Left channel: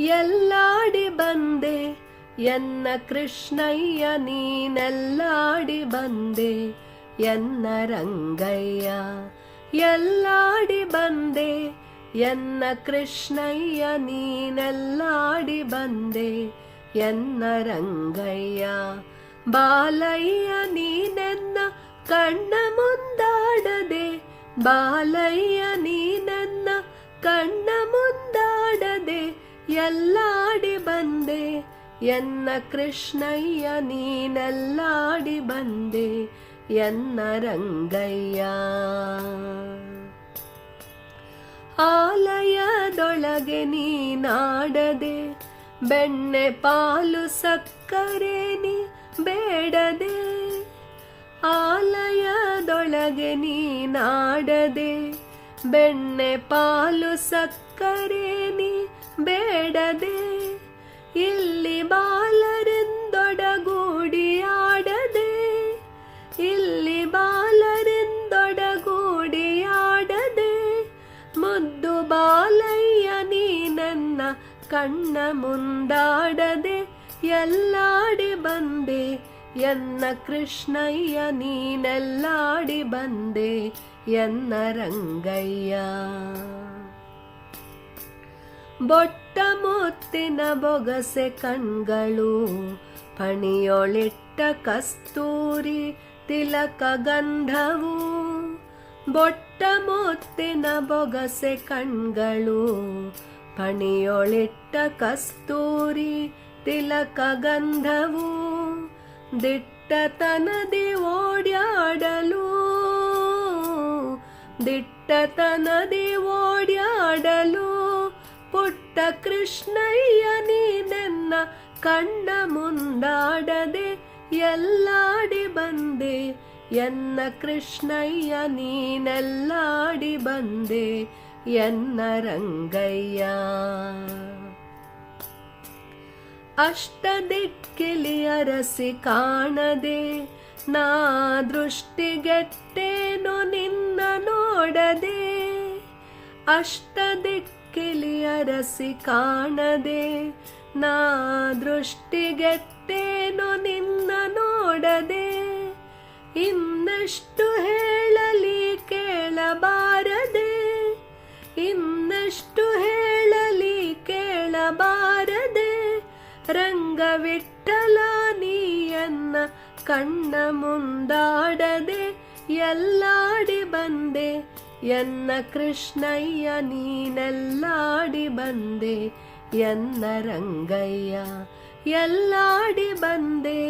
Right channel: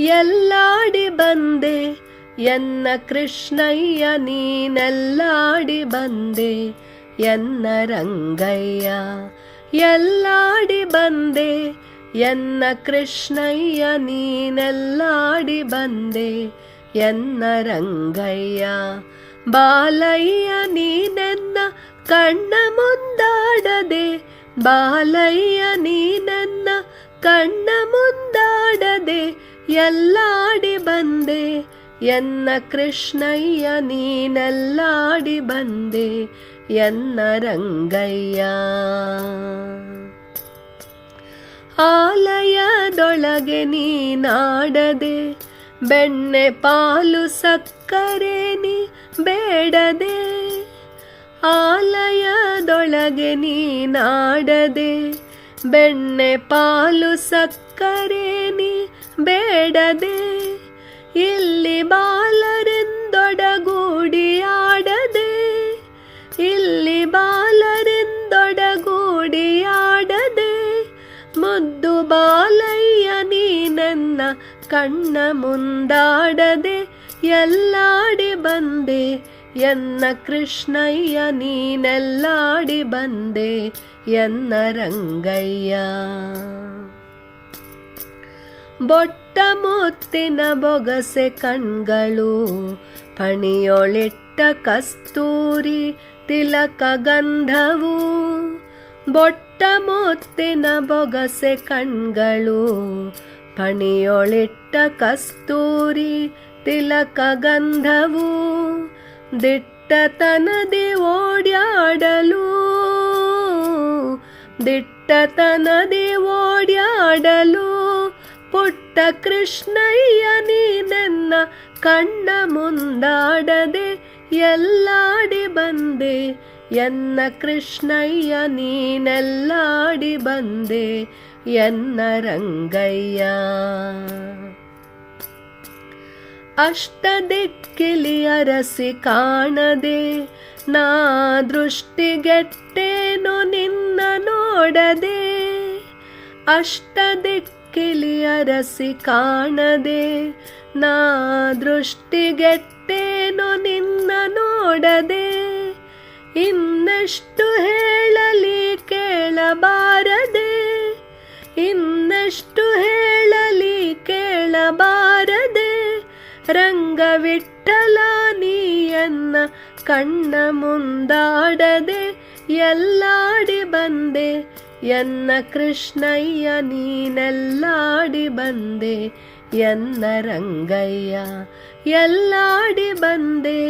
ಎಲ್ಲಾಡಿ ಬಂದೆ ಎನ್ನ ಕೃಷ್ಣಯ್ಯ ನೀನೆಲ್ಲಾಡಿ ಬಂದೆ ಎನ್ನ ರಂಗಯ್ಯ. ಎಲ್ಲಾಡಿ ಬಂದೆ ಎನ್ನ ಕೃಷ್ಣಯ್ಯ ನೀನೆಲ್ಲಾಡಿ ಬಂದೆ ಎನ್ನ ರಂಗಯ್ಯ. ಬಾಲಯ್ಯ ನೀನೆನ್ನ ಕಣ್ಣ ಮುಂದಾಡದೆ, ಬಾಲಯ್ಯ ನೀನೆನ್ನ ಕಣ್ಣ ಮುಂದಾಡದೆ ಎಲ್ಲಾಡಿ ಬಂದೆ ಎನ್ನ ಕೃಷ್ಣಯ್ಯ ನೀನೆಲ್ಲಾಡಿ ಬಂದೆ ಎನ್ನ ರಂಗಯ್ಯ. ಆಲಯದೊಳಗೆ ನೀನಾಡದೆ, ಬೆಣ್ಣೆ ಪಾಲು ಸಕ್ಕರೆ ನೀ ಬೇಡದೆ. ಆಲಯದೊಳಗೆ ನೀನಾಡದೆ, ಬೆಣ್ಣೆ ಪಾಲು ಸಕ್ಕರೆ ನೀ ಬೇಡದೆ. ಇಲ್ಲಿ ಬಾಲರಿಂದೊಡಗೂಡಿ ಆಡದೆ, ಇಲ್ಲಿ ಬಾಲರಿಂದೊಡಗೂಡಿ ಆಡದೆ. ಮುದ್ದು ಬಾಲಯ್ಯ ನೀನೆನ್ನ ಕಣ್ಣ ಮುಂದಾಡದೆ ಎಲ್ಲಾಡಿ ಬಂದೆ ಎನ್ನ ಕೃಷ್ಣಯ್ಯ ನೀನೆಲ್ಲಾಡಿ ಬಂದೆ ಎನ್ನ ರಂಗಯ್ಯ. ಬೊಟ್ಟ ಮುತ್ತಿನ ಬೊಗಸೆ ಕಣ್ಗಳು, ಪಣಿಯೊಳಿಟ್ಟ ಕಸ್ತೂರಿ ತಿಲಕ ಗಂಧವು. ಬೊಟ್ಟ ಮುತ್ತಿನ ಬೊಗಸೆ ಕಣ್ಗಳು, ಪಣಿಯೊಳಿಟ್ಟ ಕಸ್ತೂರಿ ತಿಲಕ ಗಂಧವು. ದಿಟ್ಟತನದಿ ಓಡ್ಯಾಡಲು, ದಿಟ್ಟತನದಿ ಓಡ್ಯಾಡಲು. ಪುಟ್ಟ ಕೃಷ್ಣಯ್ಯ ನೀನೆನ್ನ ಕಣ್ಣ ಮುಂದಾಡದೆ ಎಲ್ಲಾಡಿ ಬಂದೆ ಎನ್ನ ಕೃಷ್ಣಯ್ಯ ನೀನೆಲ್ಲಾಡಿ ಬಂದೆ ಎನ್ನ ರಂಗಯ್ಯ. ಅಷ್ಟದಿಕ್ಕಿಲಿ ಅರಸಿ ಕಾಣದೆ ನಾ ದೃಷ್ಟಿಗೆಟ್ಟೇನು ನಿನ್ನ ನೋಡದೆ. ಅಷ್ಟದಿಕ್ಕಿಲಿ ಅರಸಿ ಕಾಣದೆ ನಾ ದೃಷ್ಟಿಗೆಟ್ಟೇನು ನಿನ್ನ ನೋಡದೆ. ಇನ್ನೆಷ್ಟು ಹೇಳಲಿ ಕೇಳಬಾರದೆ, ಇನ್ನೆಷ್ಟು ಹೇಳಲಿ ಕೇಳಬಾರದೆ. ರಂಗವಿಠಲ ನೀಯನ್ನ ಕಣ್ಣ ಮುಂದಾಡದೆ ಎಲ್ಲಾಡಿ ಬಂದೆ ಎನ್ನ ಕೃಷ್ಣಯ್ಯ ನೀನೆಲ್ಲಾಡಿ ಬಂದೆ ಎನ್ನ ರಂಗಯ್ಯ. ಎಲ್ಲಾಡಿ ಬಂದೆ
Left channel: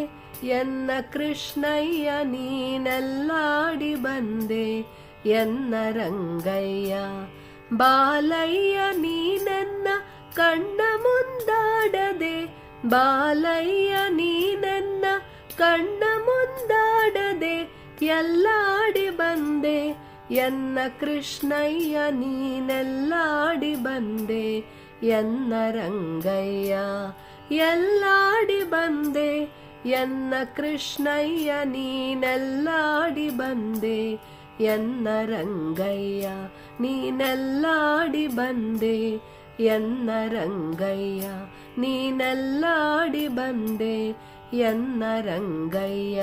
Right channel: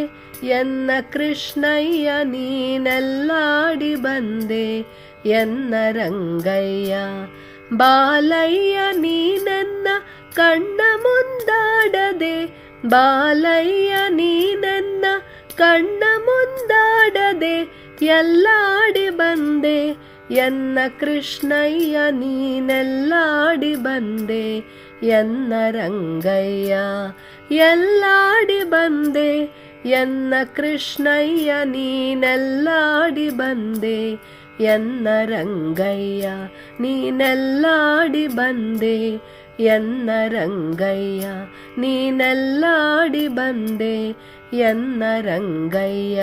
ಎನ್ನ ಕೃಷ್ಣಯ್ಯ ನೀನೆಲ್ಲಾಡಿ ಬಂದೆ ಎನ್ನ ರಂಗಯ್ಯ. ಬಾಲಯ್ಯ ನೀನೆನ್ನ ಕಣ್ಣ ಮುಂದಾಡದೆ, ಬಾಲಯ್ಯ ನೀನೆನ್ನ ಕಣ್ಣ ಮುಂದಾಡದೆ ಎಲ್ಲಾಡಿ ಬಂದೆ ಎನ್ನ ಕೃಷ್ಣಯ್ಯ ನೀನೆಲ್ಲಾಡಿ ಬಂದೆ ಎನ್ನ ರಂಗಯ್ಯ. ಎಲ್ಲಾಡಿ ಬಂದೆ ಎನ್ನ ಕೃಷ್ಣಯ್ಯ ನೀನೆಲ್ಲಾಡಿ ಬಂದೆ ಎನ್ನ ರಂಗಯ್ಯ. ನೀನೆಲ್ಲಾಡಿ ಬಂದೆ ಎನ್ನ ರಂಗಯ್ಯ, ನೀನೆಲ್ಲಾಡಿ ಬಂದೆ ಎನ್ನ ರಂಗಯ್ಯ.